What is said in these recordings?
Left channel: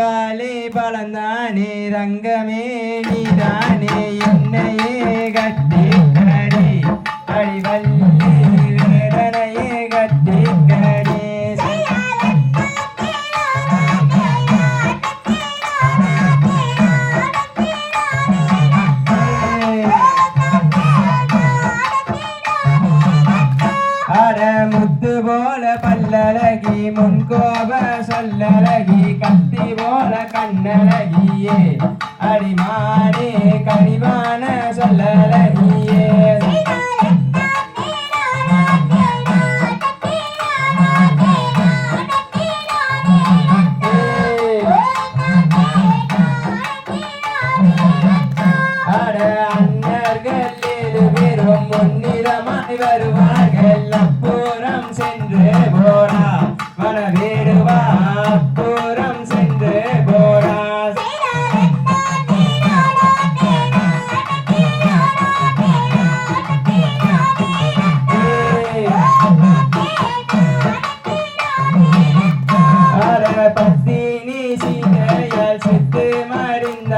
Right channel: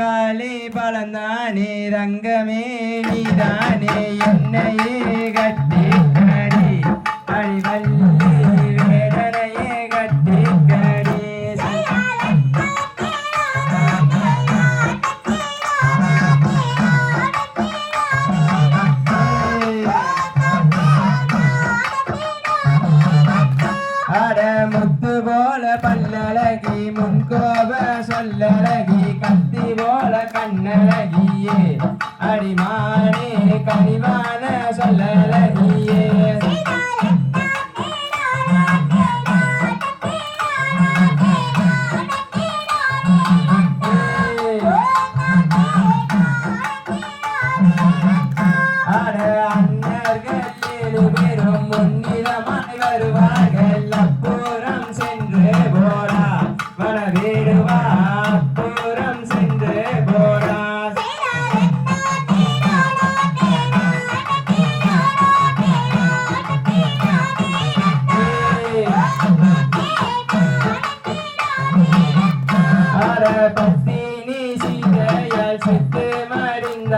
காலே பலந்தானே ரங்கமே நீதானே என்னையே சொல்லலகி கத்தி போல கண்ணலகியே அடிமானே கனிவா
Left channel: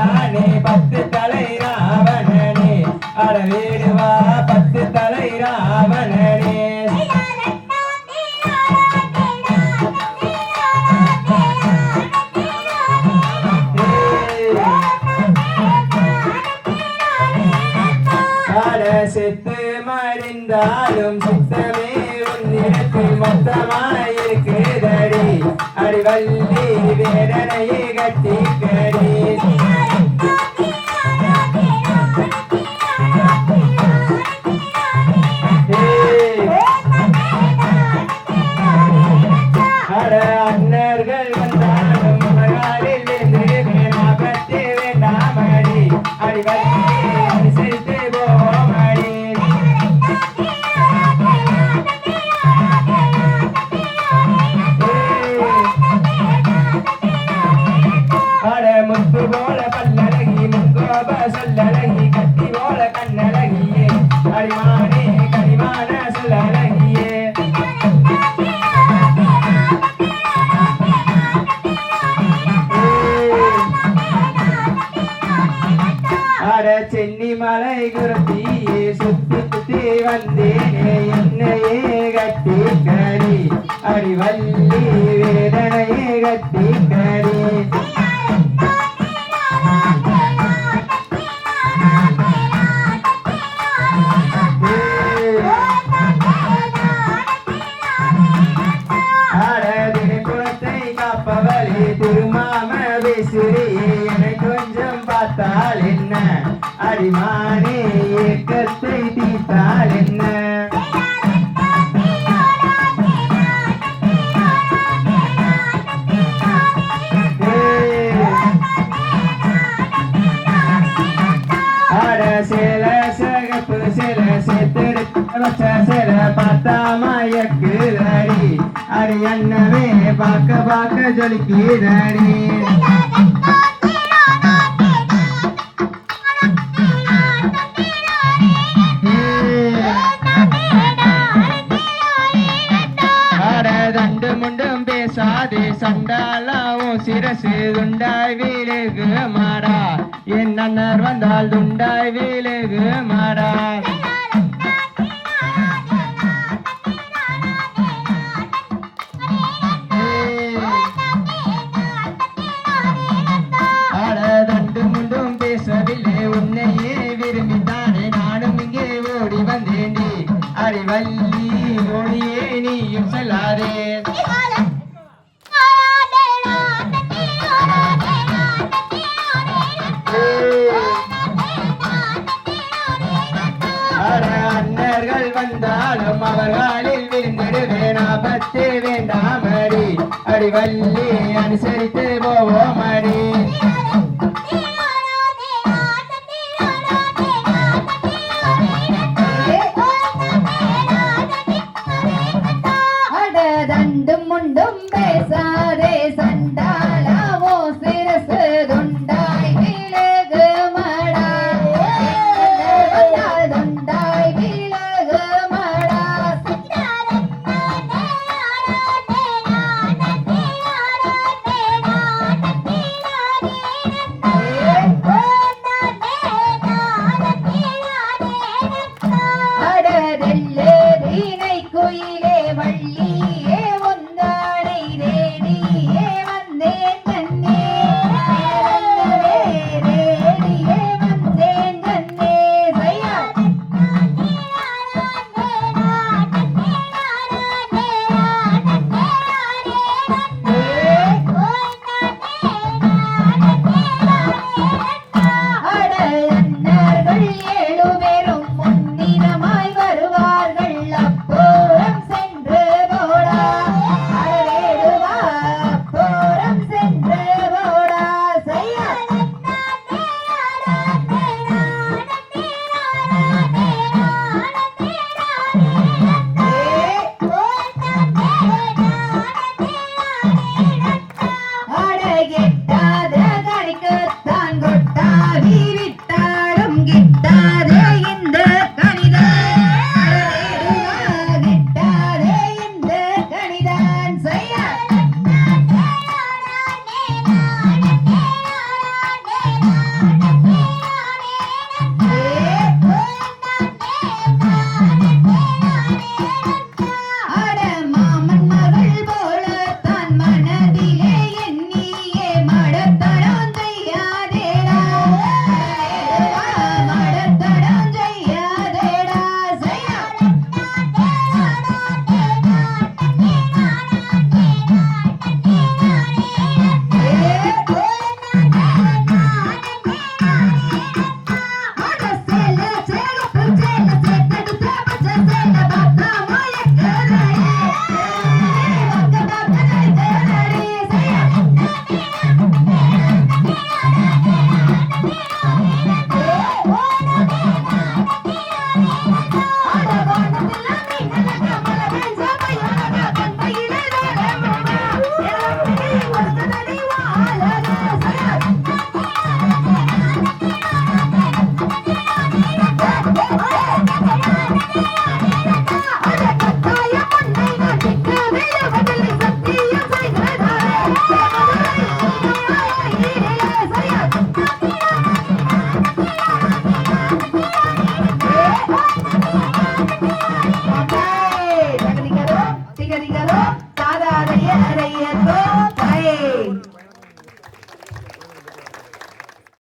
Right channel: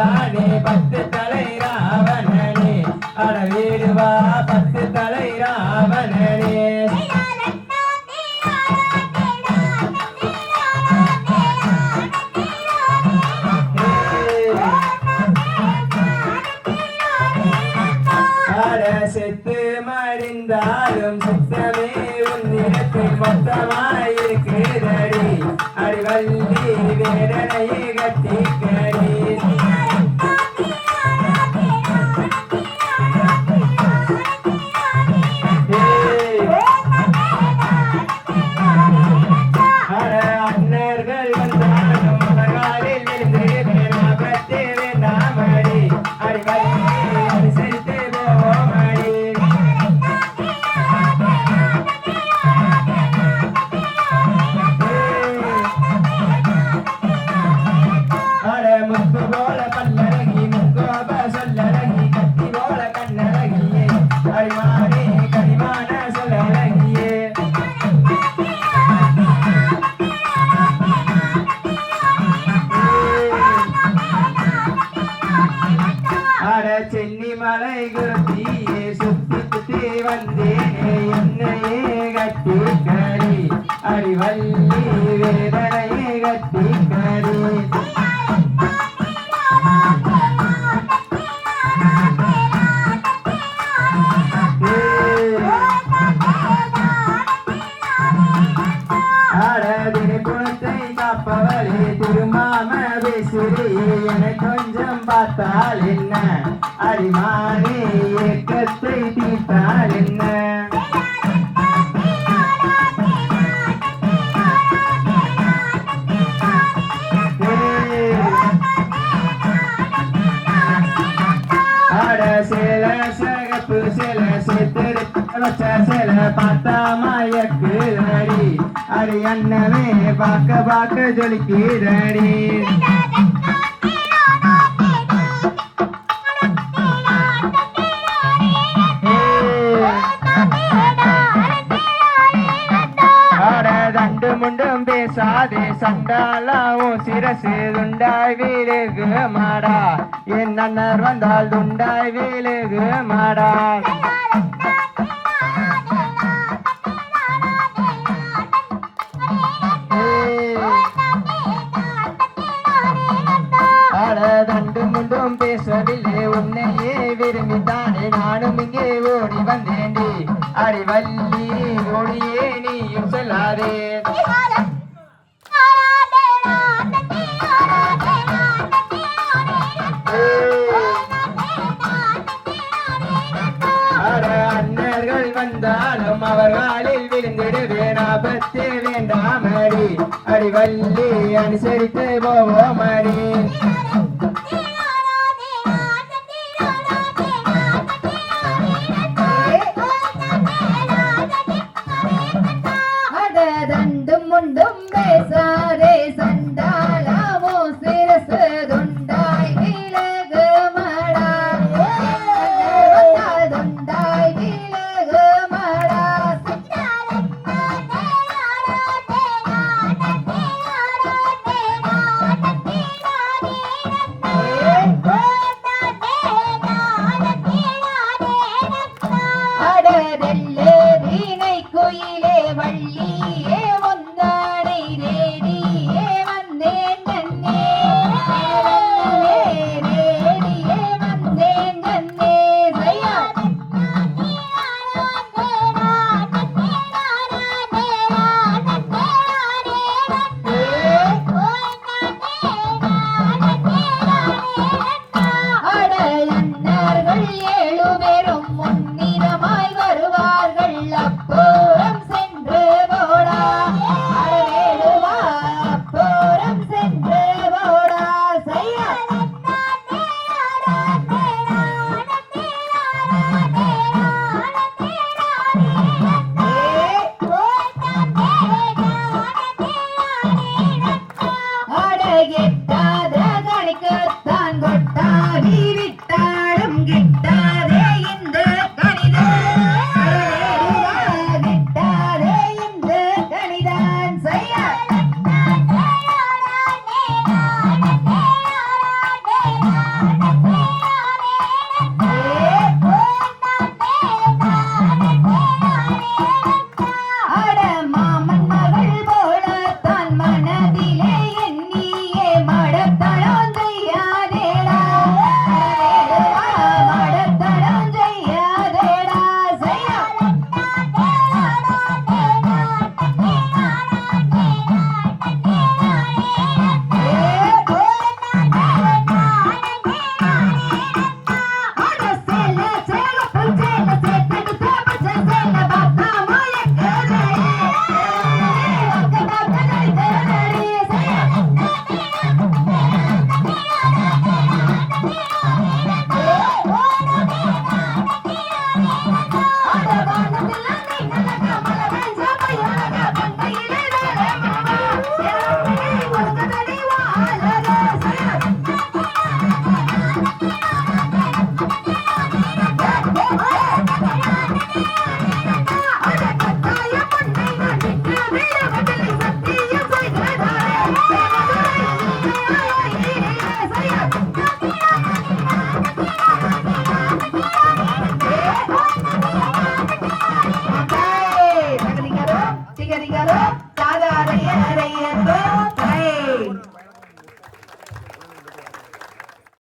ராணி பத்து தலை ராவணனே. அட வீடு வா பத்து தலை ராவணனே. செத்து மறிந்தாலும் சுத்தமே உன்னிடத்தில் மொத்தமாயிருக்கிறதடி அடிவள்ளி வேதனையை கட்டிக்கடி बाक बाक जल की रानी